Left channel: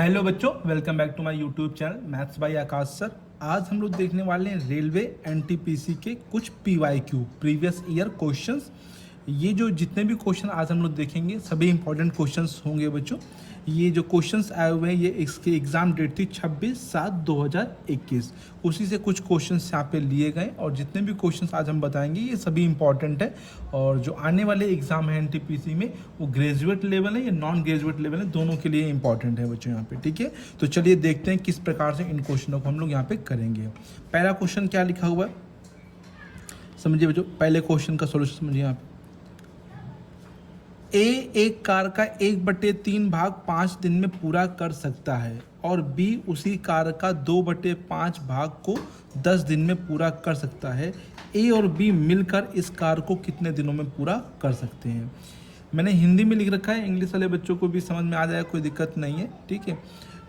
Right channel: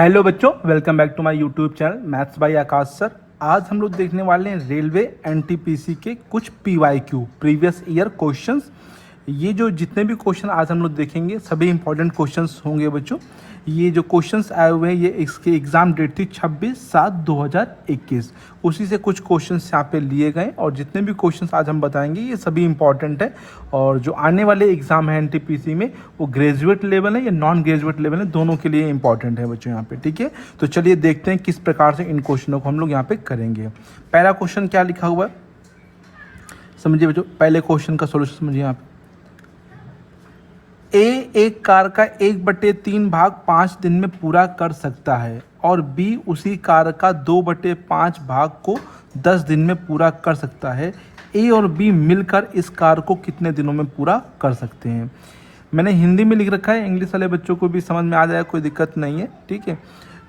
Hello बच्चों, welcome back to my YouTube channel maths by Akash sir. आज हम लोग देखने वाले हैं रेलवे एनटीपीसी के कुछ पीवाईक्यू प्रीवियस ईयर क्वेश्चंस। ये जो जितने भी क्वेश्चन आज हम लोग देखेंगे सभी इंपॉर्टेंट क्वेश्चंस होंगे बच्चों। ये जो क्वेश्चंस आए हुए हैं ये इसकी एग्जाम डेट थी 26/7/2021। उसी से कुछ क्वेश्चंस यहाँ पे लिए गए और जितने भी क्वेश्चंस आज हम बताएंगे ये सभी इंपॉर्टेंट है। और जो आने वाले एग्जाम है एनटीपीसी में वो ग्रेजुएट लेवल है या नॉन ग्रेजुएट लेवल है, दोनों के लिए इंपॉर्टेंट है बच्चों यहाँ पे। ठीक है, तो चलिए देखते हैं किस प्रकार से इन क्वेश्चनों को हम लोग यहाँ पे करेंगे। पहला क्वेश्चन क्या लिखा हुआ है समझिए बच्चों। पहले क्वेश्चन का सोल्यूशन समझिए यहाँ पे। ए एक कार का 1/3 भाग 5 दिन में पूरा कर सकता है और बी उसी कार का 2/5 भाग को 10 दिन में पूरा कर सकता है। ए और बी मिलकर इस कार को कितने दिनों में पूरा कर सकते हैं। मैंने हिंदी में लिख रखा है, इंग्लिश वाले बच्चों को भी समझ में आ जाएगा, कोई दिक्कत नहीं है। ठीक है,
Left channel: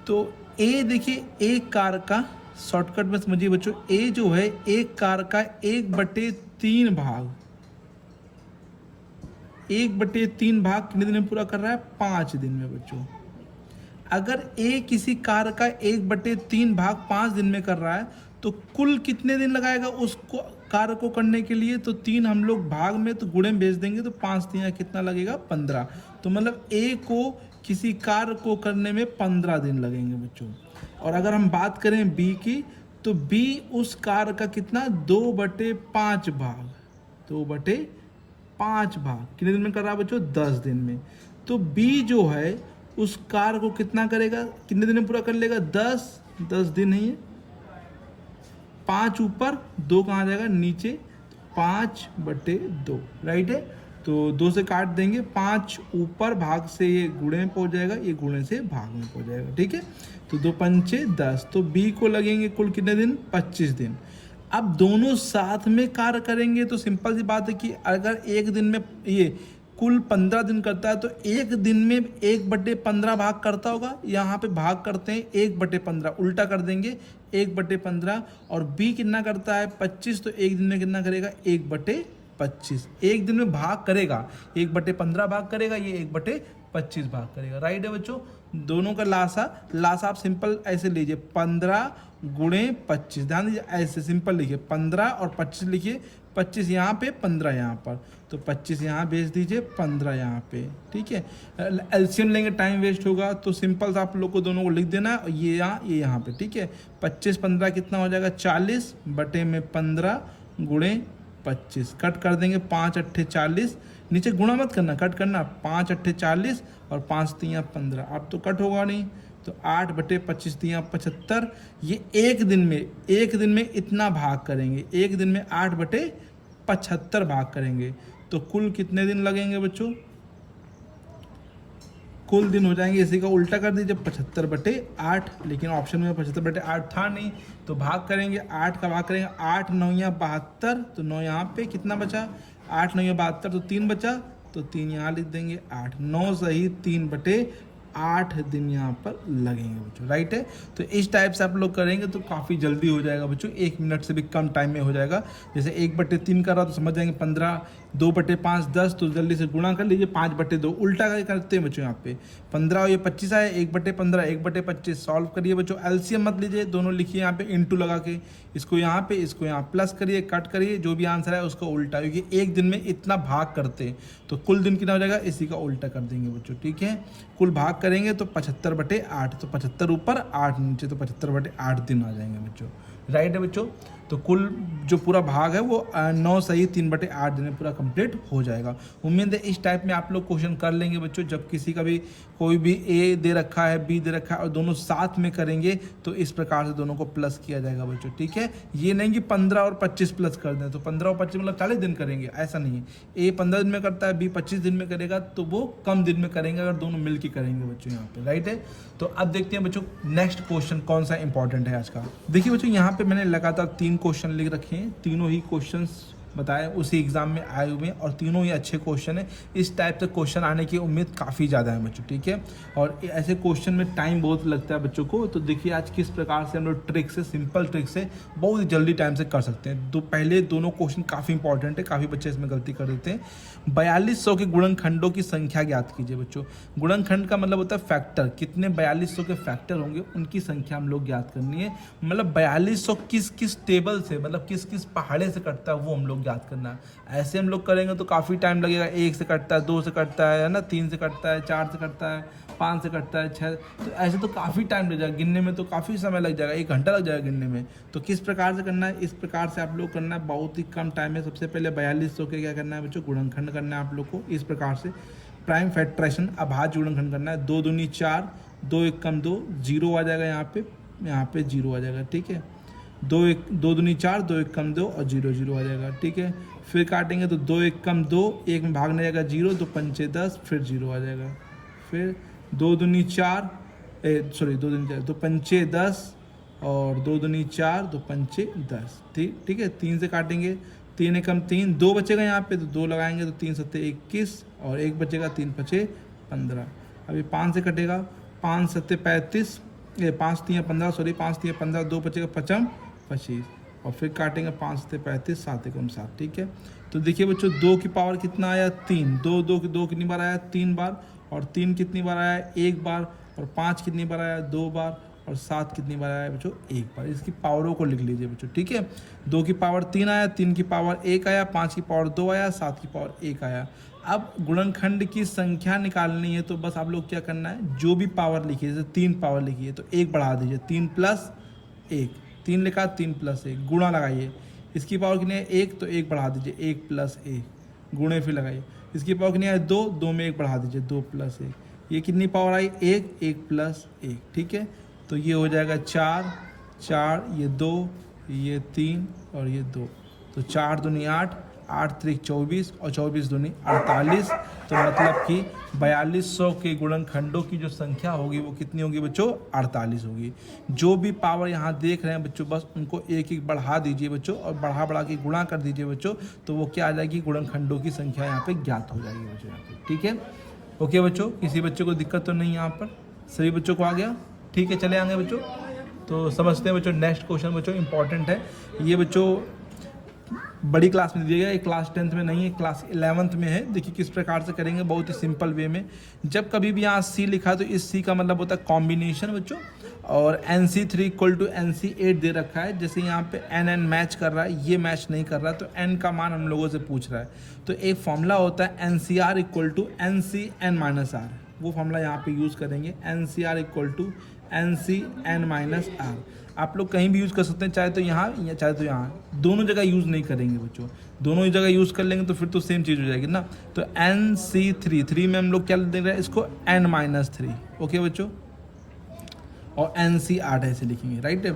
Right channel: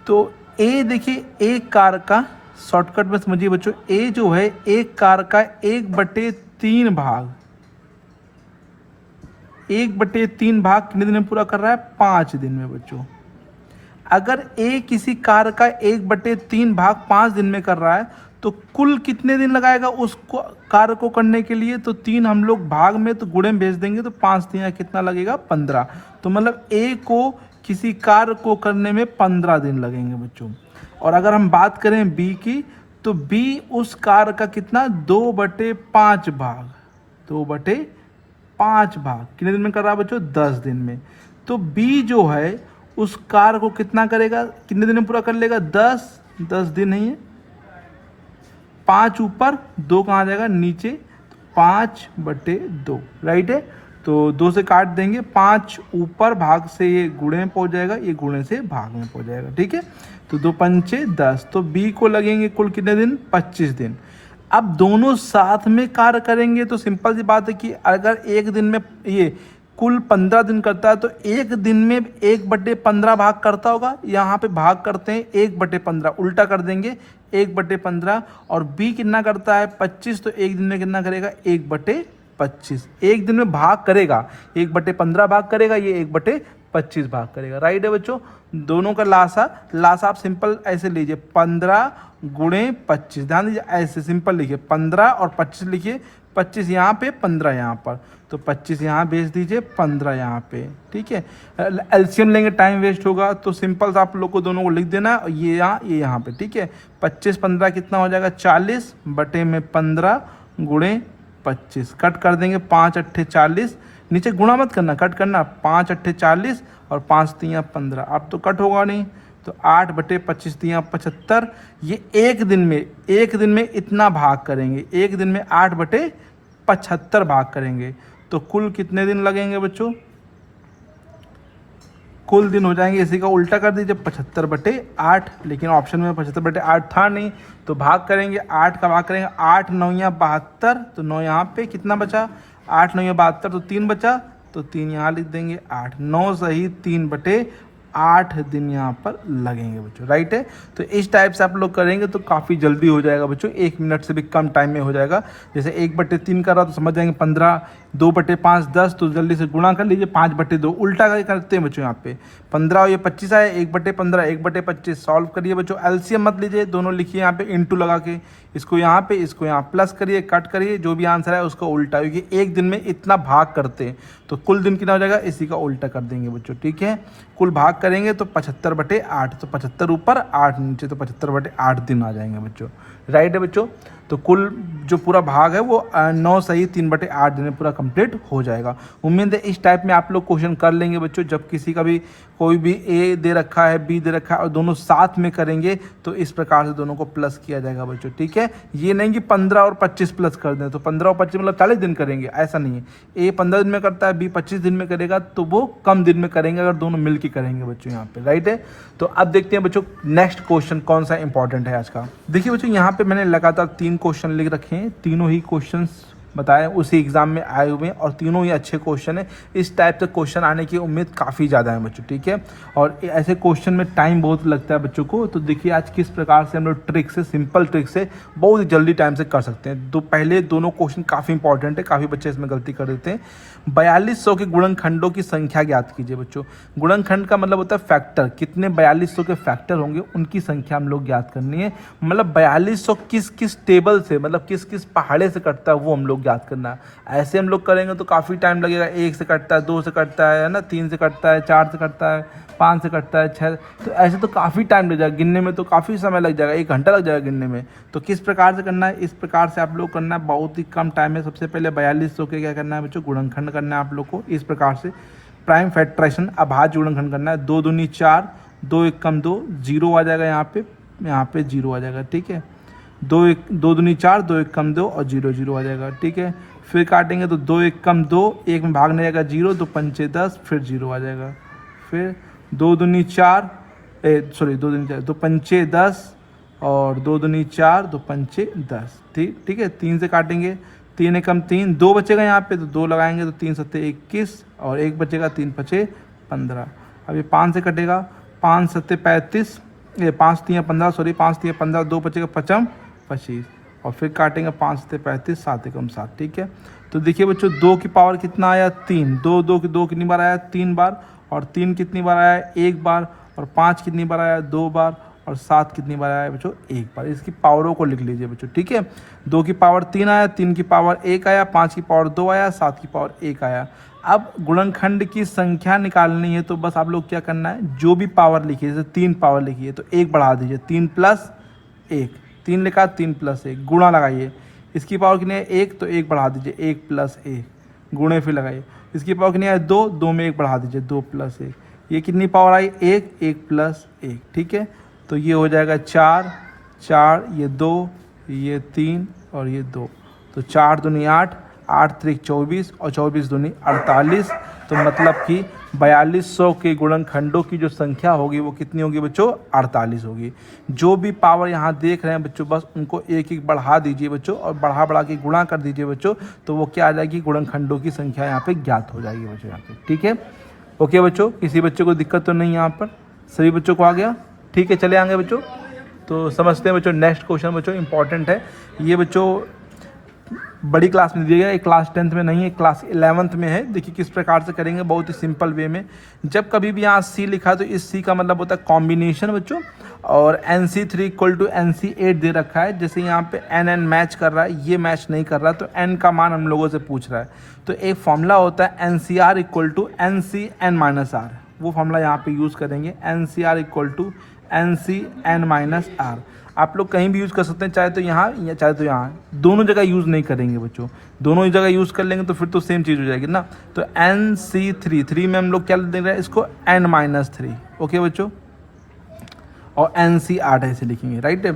तो ए देखिए, एक कार का शॉर्टकट में समझिए बच्चों। ए जो है एक कार का 1/3 भाग 1/3 भाग कितने दिन में पूरा कर रहा है? 5 दिन में बच्चों। अगर ए किसी कार का 1/3 भाग 5 दिन में कर रहा है तो कुल कितने दिन लगाएगा उस कार्य को करने के लिए? तो 3 हम लोग भाग में तो गुणे में भेज देंगे तो 5 3 कितना लगेगा? 15। तो मतलब ए को किसी कार्य को करने में 15 दिन लगेंगे बच्चों। और अगर हम बात करें बी की, तो बी उस कार्य का कितना? 2/5 भाग 2/5 भाग कितने दिन में कर रहा है बच्चों? 10 दिन में। तो बी जो है उस कार्य को कितना करेगा, कितने दिन में पूरा कर लेगा? 10 दिन नहीं है, 5 ऊपर 2 कहाँ जाएगा? नीचे। 5/2 राइट है। तो 2 से काट देंगे, 5 ऊपर भाग से ये गुणे में पहुंच जाएगा, ये गुणे से भाग में पहुंच जाएगा। ठीक है, तो 2 पंचे 10। तो बी को लगेंगे कुल कितने दिन? 25 दिन। अब दोनों साथ में कार्य करेंगे तो सिंपल सी बात है कि अगर एक दिन में ये कुल 15 दिन करता है तो एक दिन में 1/15 भाग करता होगा। यहाँ पे भाग करते हैं 1/15, उल्टा कर देंगे 1/15। और बी कितना करता है? 25। तो एक दिन में कितना करेगा? 1/25। एक दिन में भाग करेगा, 1/15 भाग करेगा, ये 1/25 भाग करेगा। राइट है बच्चों। दोनों का लासा आप सिंपल ऐसे लीजिए, 15 गुणे 25। ध्यान दीजिए, ऐसे सिंपल लिखिए, 15 और 25 लिखिए। 25 यहाँ पे, 15 यहाँ पर, तो 25 यहाँ भेज दीजिए, 15 यहाँ पे। ठीक है, एलसीएम लेंगे टाइम वेस्ट होगा, तो सिंपल आप लोग को दोनों को लिख देना, ये यहाँ पे। ठीक है, 25 15 कितना हो जाएगा? 40 बटे में 15 गुणे 25। कट कर देंगे, 5 8 40। नीचे गुणा मत करना, कट करना। 5 8 40 और 5 3 15। अब तो कट होगा नहीं, तो 8/25 3 75। ये एक दिन में इतना भाग करेंगे, एक दिन में 8/75 भाग करेंगे। तो कुल कितने दिन लगेंगे बच्चों? कुल दिन हो जाएंगे, इसी का उल्टा कर दीजिए, 75/8। लेकिन ऑप्शन में 75/8 था नहीं, तो भाग करेंगे, 8 का भाग करेंगे, 8 9 72। तो 9 यहाँ पे कितना बचा? 8 9 72, तो 3 बचा, तो 3 यहाँ लिख देंगे। 8 9 सही 3/8 दिन यहाँ पर लगेंगे बच्चों। राइट है, तो इस टाइप से आप लोग करेंगे तो काफ़ी जल्दी हो जाएगा बच्चों, 1 मिनट से भी कम टाइम में हो जाएगा। जैसे 1/3 कर रहा तो समझ जाएंगे 15, 2/5 10, तो जल्दी से गुणा कर लीजिए, 5/2 उल्टा करते हैं बच्चों। यहाँ पे 15 और ये 25 आए, 1/15 1/25 सॉल्व करिए बच्चों। एलसीएम मत लीजिए, दोनों लिखिए यहाँ पे इंटू लगा के, इसको यहाँ पे इसको यहाँ प्लस करिए, कट करिए, जो भी आंसर है उसका उल्टा, क्योंकि एक दिन में इतना भाग करते हैं तो कुल दिन कितना हो जाएगा, इसी का उल्टा कर देंगे बच्चों। ठीक है, कुल भाग करेंगे तो 75/8, तो 75 ऊपर 8 नीचे, तो 75/8 दिन आ जाएंगे बच्चों। राइट है बच्चों, तो कुल जो पूरा भाग है वो 9 सही 3/8 दिन में पूरा कंप्लीट हो जाएगा। उम्मीद है इस टाइप में आप लोग क्वेश्चन कर लेंगे बच्चों। जब किसी का भी कोई भी ए दे रखा है, बी दे रखा है और दोनों साथ में करेंगे तो इस प्रकार से दोनों को प्लस किया जाएगा बच्चों। ठीक है, ये नहीं कि 15 और 25 प्लस कर दें, तो 15 और 25 मतलब 40 दिन करेंगे, ऐसा नहीं है। ए 15 दिन में करता है, बी 25 दिन में करेगा, तो वो कम दिन में करेंगे अगर दोनों मिल के करेंगे बच्चों यहाँ पे। राइट है, तो अब देखते हैं बच्चों नेक्स्ट क्वेश्चन कौन सा इंपॉर्टेंट है आज का। देखिए बच्चों, यहाँ पे मैंने लगातार 3 क्वेश्चन लिख रखे हैं, तीनों ही क्वेश्चंस बताएं उसी एग्जाम में आए हुए हैं और तीनों ही अच्छे क्वेश्चन है। इस टाइप से क्वेश्चन आने की उम्मीद काफ़ी ज़्यादा है बच्चों, ठीक है। और ऐसे क्वेश्चन में टाइम बहुत लगता है बच्चों को, तो देखिए आज किस प्रकार से हम लोग ट्रिक से, सिंपल ट्रिक से बहुत ही जल्दी टाइम से कर सकते हैं। पहले दोनों क्वेश्चन काफ़ी इंपॉर्टेंट है, काफ़ी बच्चे इसमें गलती कर देते हैं। 4200 के गुणनखंडों की संख्या ज्ञात कीजिए बच्चों। गुणनखंड का मतलब होता है फैक्टर, कितने 4200 के फैक्टर होंगे उनकी संख्या हम लोग ज्ञात करनी है। मतलब 4200 किस किस टेबल से, मतलब किस किस पहाड़े से कटता है वो हम लोग ज्ञात करना है। ऐसे हम लोग करेंगे तो काफ़ी टाइम लगेगा। 1 से कटता है, 2 से कटता है ना, 3 से कटता है, 4 से कटता है, 5 से कटता है, 6, तो ऐसे तो काफ़ी टाइम लग जाएगा। गिनने में तो काफ़ी समय लग जाएगा, 1 घंटा लग जाएगा गिनने में। तो किस प्रकार से करना है, इस प्रकार से आप लोग करना है, बहुत ही कम टाइम में। सबसे पहले 4200 के क्या करना है बच्चों, गुणनखंड करना है आप लोग को। इस प्रकार से प्राइम फैक्टराइजेशन, अभाज्य गुणनखंड करना है। 2 दूनी 4, 2 एक कम 2, 0 आ जाएगा यहाँ पे 0 आ जाएगा, ठीक है। 2 दूनी 4, 2 एक कम 2 और 0 0 आ जाएगा, ठीक है। फिर काटेंगे तो 2 एक कम 2, 1 में भाग नहीं जाएगा 0, 2 पंचे 10, फिर 0 आ जाएगा। फिर 2 दूनी 4, 2 दूनी 4, 2 पंचे 10 और 2 दूनी 4, 2 पंचे 10, ठीक है। 3 से काटेंगे, 3 एकम 3, 2 बचेगा यहाँ पे तो 2 लगाएंगे तो 3 सत्ते 21 और 1 बचेगा, 3 पचे 15। अब ये 5 से कटेगा, 5 सत्ते 35, 5 3 15, 5 3 15, 2 बचेगा 5 25 और फिर काटेंगे 5 सत्ते 35, 7 एकम 7, ठीक है। तो देखिए बच्चों 2 की पावर कितना आया, 3, 2 कितनी बार आया, 3 बार, और 3 कितनी बार आया, 1 बार, और 5 कितनी बार आया, 2 बार, और 7 कितनी बार आया बच्चों, 1 बार। इसकी पावरों को लिख लीजिए बच्चों, ठीक है। 2 की पावर 3 आया, 3 की पावर 1 आया, 5 की पावर 2 आया, 7 की पावर 1 आया। अब गुणनखंड की संख्या निकालनी है तो बस आप लोग क्या करना है, जो भी पावर लिखी है, जैसे 3 पावर लिखी है तो 1 बढ़ा दीजिए, 3 प्लस 1, 3 लिखा 3 प्लस 1, गुणा लगाइए। इसकी पावर कितनी है, 1, तो 1 बढ़ा दीजिए, 1 प्लस 1, गुणे फिर लगाइए। इसकी पावर कितनी है, 2, 2 में 1 बढ़ा दीजिए, 2 प्लस 1। ये कितनी पावर आई, 1, 1 प्लस 1, ठीक है। तो ये हो जाएगा 4, 4, ये 2, ये 3 और ये 2, तो 4 दूनी 8, 8 त्रिक 24 और 24 दूनी 48। तो मतलब कि 4200 के गुणनखंडों की जो संख्या होगी वो कितनी होगी बच्चों, 48 होगी। जो भी पावर यहाँ देख रहे हैं बच्चों, बस उनको एक एक बढ़ा दीजिए बच्चों और बढ़ा के गुणा कर दीजिए बच्चों, तो वो क्या आ जाएगी, गुणनखंडों की संख्या यहाँ पे ज्ञात हो जाएगी बच्चों यहाँ पे, ठीक है। ओके बच्चों, किसी बच्चे को दिक्कत तो नहीं यहाँ पर, सभी बच्चों को आ गया, ठीक है। चले आएंगे बच्चों, तो समझते हैं बच्चों नेक्स्ट क्वेश्चन बच्चों इंपॉर्टेंट है। ये बच्चों बड़ी क्लास में दीजिएगा, एक क्लास 10th में नहीं है, क्लास 11th में है। देखिए किस प्रकार से करेंगे, बहुत ही सिंपल वे में। जब कभी भी यहाँ सी लिखा तो इस सी का मतलब होता है कॉम्बिनेशन बच्चों, और NC3 = NC8 दे रखा है। जैसे यहाँ पे NN मैच कर रहा है, ये मैच नहीं कर रहा, तो N का मान हम लोगों से पूछ रहा है। तो एक फॉर्मूला होता है NCR = NCN-R, वो फॉर्मूला यहाँ पे यूज़ करेंगे, NCR = NCN-R। आप लोग कहीं भी यूज़ कर सकते हैं, चाहे तो यहाँ या चाहे तो यहाँ, दोनों जगह यूज़ नहीं करेंगे बच्चों। दोनों ही जगह यूज़ कर लेंगे तो फिर तो सेम चीज़ हो जाएगी ना। तो NC3, 3 में हम लोग क्या देख रहे हैं, इसको N-3, ओके बच्चों, और NC8 ऐसे लिखेंगे, राइट।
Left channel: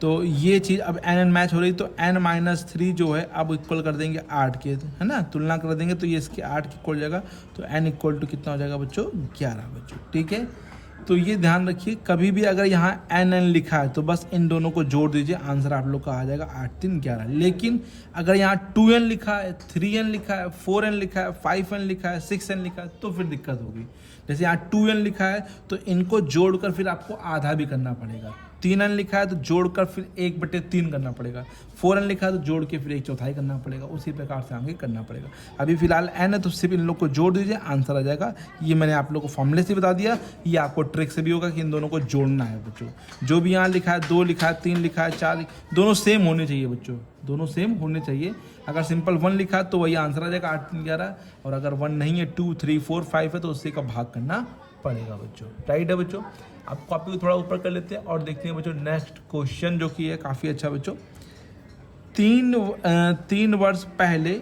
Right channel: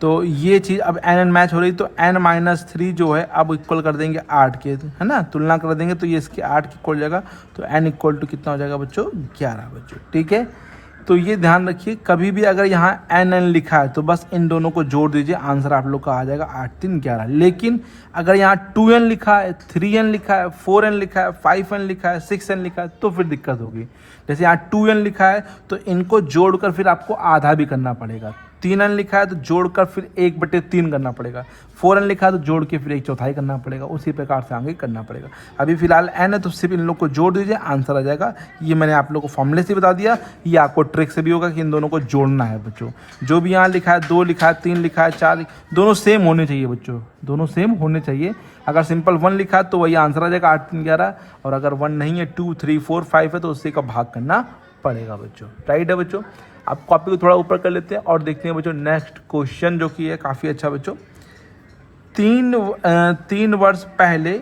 तो ये चीज़ अब NN मैच हो रही, तो N-3 जो है अब इक्वल कर देंगे 8 के, है ना, तुलना कर देंगे तो ये इसके 8 के इक्वल हो जाएगा। तो N = कितना हो जाएगा बच्चों, 11 बच्चों, ठीक है। तो ये ध्यान रखिए, कभी भी अगर यहाँ NN लिखा है तो बस इन दोनों को जोड़ दीजिए, आंसर आप लोग का आ जाएगा 8 3 11। लेकिन अगर यहाँ 2N लिखा है, 3N लिखा है, 4N लिखा है, 5N लिखा है, 6N लिखा है, तो फिर दिक्कत होगी। जैसे यहाँ 2N लिखा है तो इनको जोड़कर फिर आपको आधा भी करना पड़ेगा। 3N लिखा है तो जोड़कर फिर 1/3 करना पड़ेगा। 4N लिखा है तो जोड़ के फिर 1/4 करना पड़ेगा। उसी प्रकार से आगे करना पड़ेगा। अभी फिलहाल N है तो सिर्फ इन लोग को जोड़ दीजिए, आंसर आ जाएगा। ये मैंने आप लोग को फॉर्मूले से बता दिया, ये आपको ट्रिक से भी होगा कि इन दोनों को जोड़ना है बच्चों। जो भी यहाँ लिखा है, 2 लिखा है, 3 लिखा है, 4, दोनों सेम होने चाहिए बच्चों, दोनों सेम होने चाहिए। अगर सिंपल 1 लिखा है तो वही आंसर आ जाएगा 8 3 11, और अगर 1 नहीं है, 2 3 4 5 है तो उससे का भाग करना पड़ेगा बच्चों, राइट है बच्चों। आप कॉपी को थोड़ा ऊपर कर लेते हैं और देखते हैं बच्चों नेक्स्ट क्वेश्चन जो कि है काफ़ी अच्छा बच्चों। 3 वर्ष पहले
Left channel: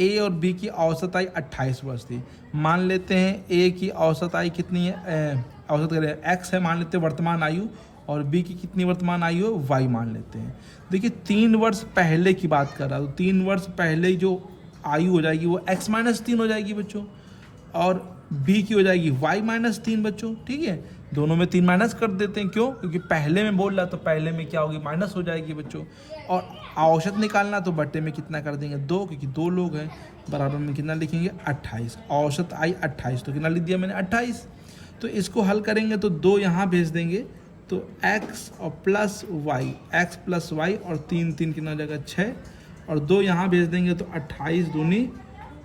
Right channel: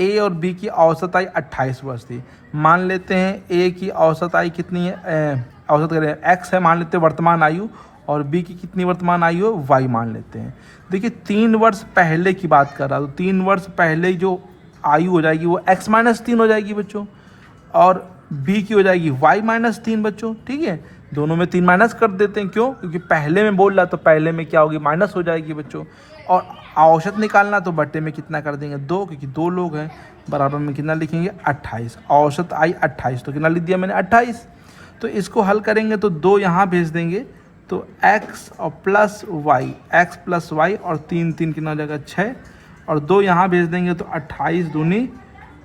ए और बी की औसत आयु 28 वर्ष थी। मान लेते हैं ए की औसत आयु कितनी है, औसत करें एक्स है मान लेते हैं वर्तमान आयु, और बी की कितनी वर्तमान आयु है, वाई मान लेते हैं। देखिए 3 वर्ष पहले की बात कर रहा हूँ, 3 वर्ष पहले जो आयु हो जाएगी वो x-3 हो जाएगी बच्चों, और बी की हो जाएगी y माइनस 3 बच्चों, ठीक है। दोनों में 3 माइनस कर देते हैं, क्यों? क्योंकि पहले में बोल रहा तो पहले में क्या होगी, माइनस हो जाएगी बच्चों। और औसत निकालना तो बट्टे में कितना कर देंगे 2, क्योंकि 2 लोग हैं, बराबर में कितना लिखेंगे 28। औसत आई 28, तो कितना लिख दिया मैंने 28। तो इसको हल करेंगे तो 2 यहाँ भेज देंगे, तो x और plus y, x plus y और 3 3 कितना हो जाएगा 6, और 2 यहाँ भेज देंगे तो 28 दूनी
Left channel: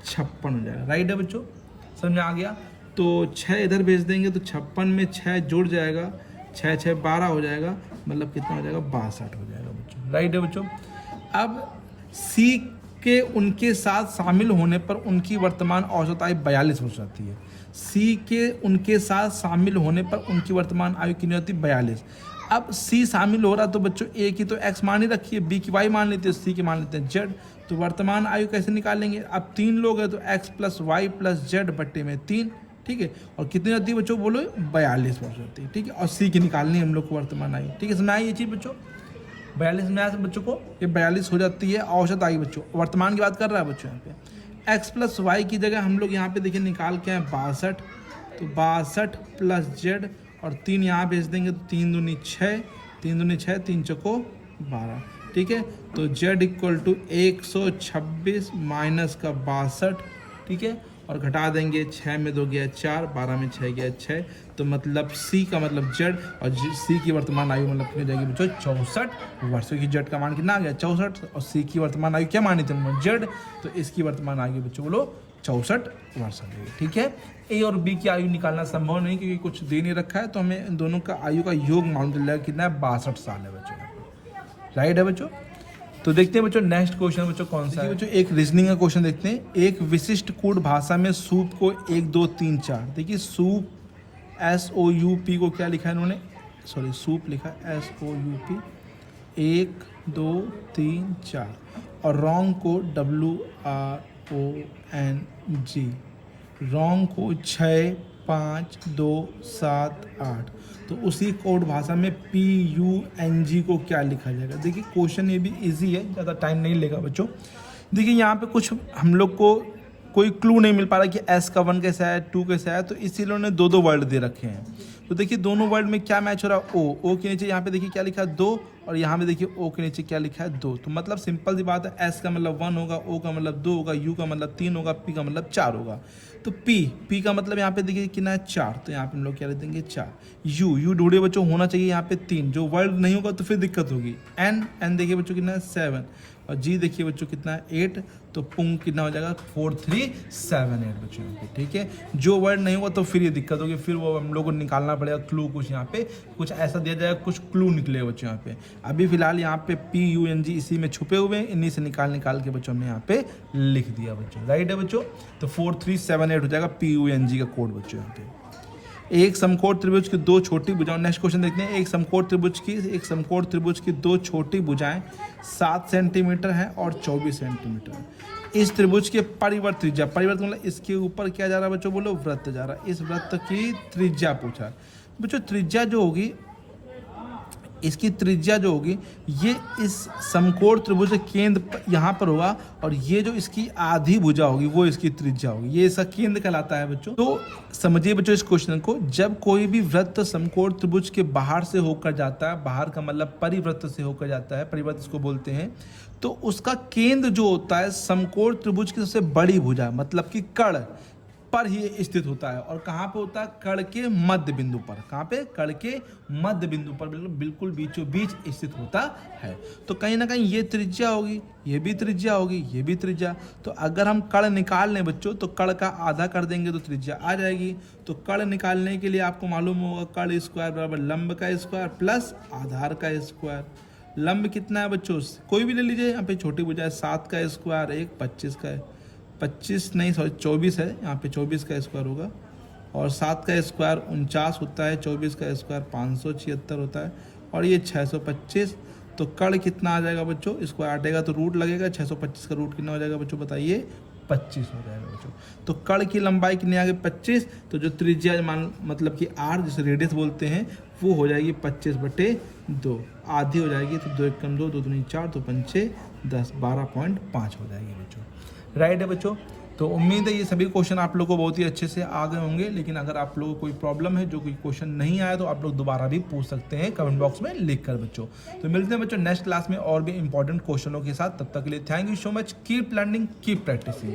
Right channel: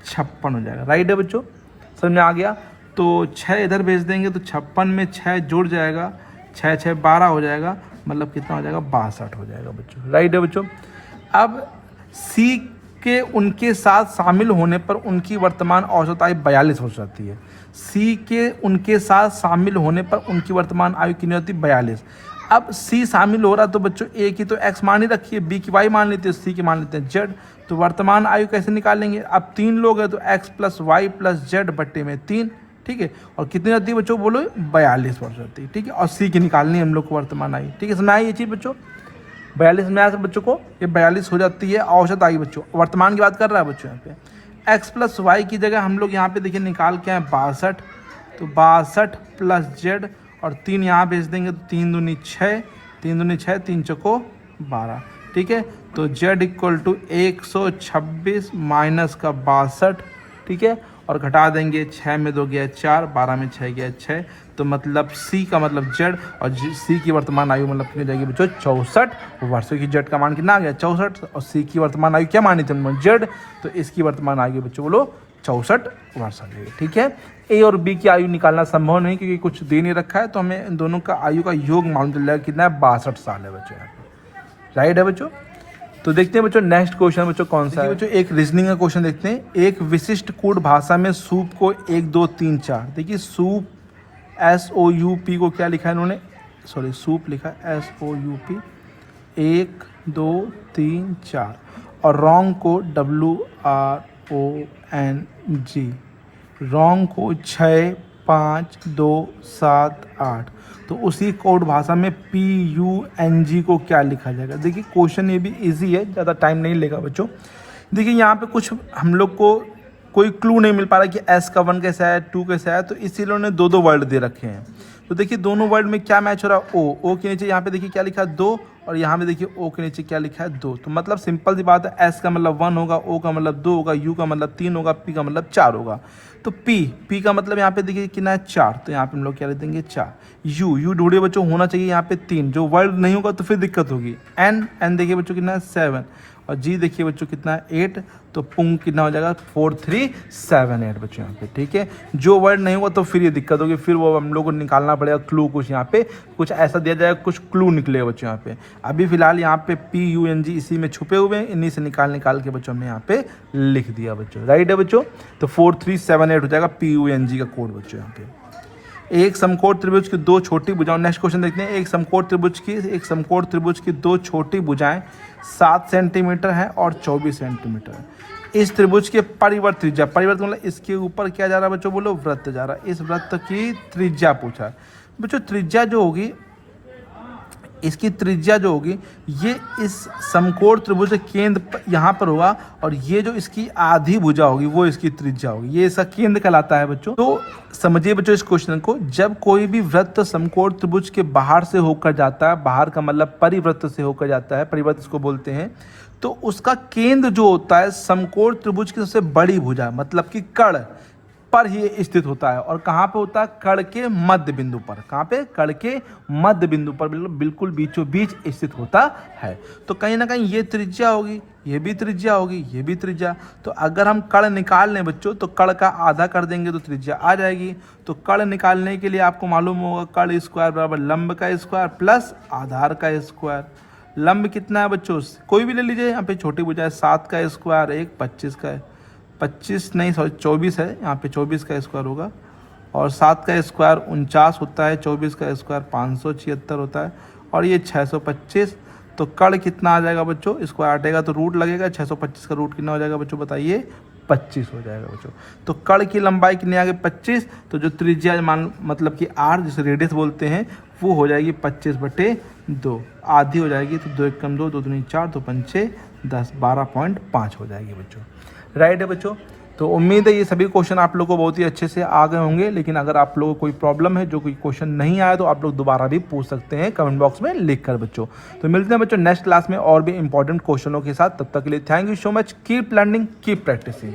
56 हो जाएगा। राइट है बच्चों, समझ में आ गया। तो 6 इधर भेज देंगे तो 56 में 6 जुड़ जाएगा, 6 6 12 हो जाएगा, मतलब कितना हो जाएगा 62 हो जाएगा बच्चों। राइट है बच्चों। अब C के उनके साथ शामिल होने पर उनकी वर्तमान औसत आयु 42 हो जाती है। C के उनके साथ शामिल होने पर उनकी वर्तमान आयु कितनी होती है 42। अब C शामिल हो रहा तो बच्चों A की तो x मान ही रखी है, B की y मान लेते हैं, C की मान लेते हैं z। तो वर्तमान आयु कैसे निकालेंगे, अब 3 लोग हैं तो x plus y plus z बट्टे में 3, ठीक है। और कितनी आती है बच्चों बोलो 42 वर्ष होती है, ठीक है। और C की निकालनी है हम लोग को वर्तमान आयु, ठीक है। समझ आई ये चीज़ बच्चों, 42 में आया बच्चों को, ये 42 हो जाती है औसत आयु बच्चों। वर्तमान की बात कर रहा है बच्चों यहाँ पे। x प्लस वाई की जगह हम लोग यहाँ पे देखिए निकाल के हैं 62, तो 62 प्लस जेड और 3 यहाँ भेज देंगे तो 3 दूनी 6, 3 दूनी 6, 3 चौको 12, ठीक है। तो z इक्वल टू 126 माइनस का 62, ठीक है। और घटा देंगे, 6 में 2 गया 4, 12 में 6 गया 6, तो मतलब C का मतलब Z, और C की वर्तमान आयु मतलब कितनी जाएगी बच्चों 64 वर्ष, की Z का मान कितना आ गया 64, और C की वर्तमान आयु क्या मानी थी हमने Z, तो इसकी वर्तमान आयु बच्चों बोलो 64 वर्ष आ जाएगी, ठीक है। A और B की आयु निकालना संभव नहीं क्योंकि कुछ दे नहीं रखा है, तो हमें इन दोनों का आयु का योग मालूम चल जाएगा कितना है 62 साल है बच्चों यहाँ पे। राइट है बच्चों। तो देखते हैं बच्चों नेक्स्ट क्वेश्चन बच्चों कौन सा है बच्चों। एक रीजनिंग का क्वेश्चन देखते हैं। एक विशिष्ट कूट भाषा में सूप को 1 2 3 4, देखिए सूप SOUP को क्या लिखा है इन्होंने, सॉरी सूप लिखा है SOUP 1 2 3 4, और रॉन्ग को WRONG, रॉन्ग को 6 5 2 7 8। तो उसी कोड भाषा में PUNG को क्या लिखा जाएगा। देखिए क्वेश्चन ये भी इजी है, ज़्यादा टाइम नहीं लेगा बच्चों। देखिए यहाँ पे कुछ हम लोग को कोई क्लू नहीं मिल पा रहा कि S का 1 कैसा है 2 कैसा है, तो इसीलिए उन्होंने 2 2 वर्ड दे रखे हैं। तो देखिए दोनों वर्ड में क्या मैच हो रहा है, O के नीचे यहाँ पे देखिए क्या लिखा है 2, और यहाँ पे देखिए O के नीचे क्या लिखा है 2। तो मतलब सिंपल सी बात है, S का मतलब 1 होगा, O का मतलब 2 होगा, U का मतलब 3 होगा, P का मतलब 4 होगा। तो P का मतलब यहाँ पे देखिए कितना है 4, तो यहाँ पे हम लोग क्या लिख देंगे 4। U ढूंढिए बच्चों, होना चाहिए यहाँ पे 3, जो वर्ड नहीं होगा तो फिर दिक्कत होगी। N देखिए बच्चों कितना है 7, और G देखिए बच्चों कितना है 8, तो पुंग कितना हो जाएगा 4 3 7 8 बच्चों यहाँ पे, ठीक है। जो वर्ड नहीं होगा तो फिर ये दिक्कत होगी, फिर वो हम लोग को निकालना पड़ेगा क्लू, कुछ यहाँ पे कुछ ऐसा दिया जाएगा, कुछ क्लू निकले बच्चों यहाँ पे। अभी फिलहाल यहाँ पे PUNG इसी में छुपे हुए हैं, इन्हीं से निकाल के बच्चों में यहाँ पे लिख दिया बच्चों। राइट है बच्चों। तो 4 3 7 8 हो जाएगा PUNG का कोड बच्चों यहाँ पे। एक समकोण त्रिभुज की 2 छोटी भुजाएं, नेक्स्ट क्वेश्चन देखते हैं। एक समकोण त्रिभुज की 2 छोटी भुजाएं 7 सेंटीमीटर है और 24 सेंटीमीटर है। इस त्रिभुज के परिवर्त त्रिज्या, परिवर्त मतलब इसके ऊपर क्या जा रहा है बच्चों बोलो वृत्त जा रहा है, इस वृत्त की त्रिज्या पूछा है बच्चों। त्रिज्या जो होगी, इसकी त्रिज्या जो होगी ये इस समकोण त्रिभुज के केंद्र यहाँ पर होगा, और ये जो इसकी आधी भुजा होगी वो इसकी त्रिज्या होगी, ये इसका केंद्र कहलाता है बच्चों। तो समझिए बच्चों इस क्वेश्चन को, जब कोई भी वृत्त समकोण त्रिभुज के बाहर से होकर जाता है, बाहर का मतलब परिवृत्त से होकर जाता है, परिवृत्त इसको बोलते हैं, तो उसका केंद्र जो होता है समकोण त्रिभुज की सबसे बड़ी भुजा मतलब कि कर्ण पर ही स्थित होता है। और कहाँ पे होता है, कर्ण के मध्य बिंदु पर। कहाँ पे, कर्ण के मध्य बिंदु पर, बिल्कुल बीचों बीच स्थित होता है। तो कहीं ना कहीं ये त्रिज्या होगी, ये भी त्रिज्या होगी, ये भी त्रिज्या। तो अगर हम कर्ण निकाल लें बच्चों, तो कर्ण का आधा कर देंगे तो त्रिज्या आ जाएगी। तो कर्ण निकालने के लिए आपको मालूम होगा कर्ण स्क्वायर बराबर लंब का स्क्वायर प्लस आधार का स्क्वायर। लंब कितना है बच्चों, कोई भी ले लीजिए, यहाँ पे छोटी भुजा है 7 का स्क्वायर, एक 25 का है, 25 नहीं सॉरी 24 है, यहाँ पे 24 का स्क्वायर होगा, और 7 का स्क्वायर 49 होता है, 24 का स्क्वायर 576 होता है, और ये 625। तो कर्ण कितना आ जाएगा बच्चों, इसको हटेगा तो रूट लगेगा, 625 का रूट कितना हो जाएगा बच्चों बताइए, 25 हो जाएगा बच्चों। तो कर्ण की लंबाई कितनी आ गई 25, तो जो त्रिज्या मान मतलब कि r जिसे रेडियस बोलते हैं वो हो जाएगी 25/2, आधी हो जाएगी। तो 2 1 2 2 2 4 2 5 6 10 12.5 हो जाएगी बच्चों। राइट है बच्चों। तो उम्मीद है ये सभी क्वेश्चन आप लोगों को बहुत ही अच्छे से आ गए होंगे, लेकिन अगर आप लोगों को कोई प्रॉब्लम है, जो कोई क्वेश्चन नहीं आया, तो आप लोग दोबारा भी पूछ सकते हैं कमेंट बॉक्स में लिख कर बच्चों। तो मिलते हैं बच्चों नेक्स्ट क्लास में और भी इंपॉर्टेंट क्वेश्चनों के साथ। तब तक के लिए thank you so much. Keep learning, keep practising.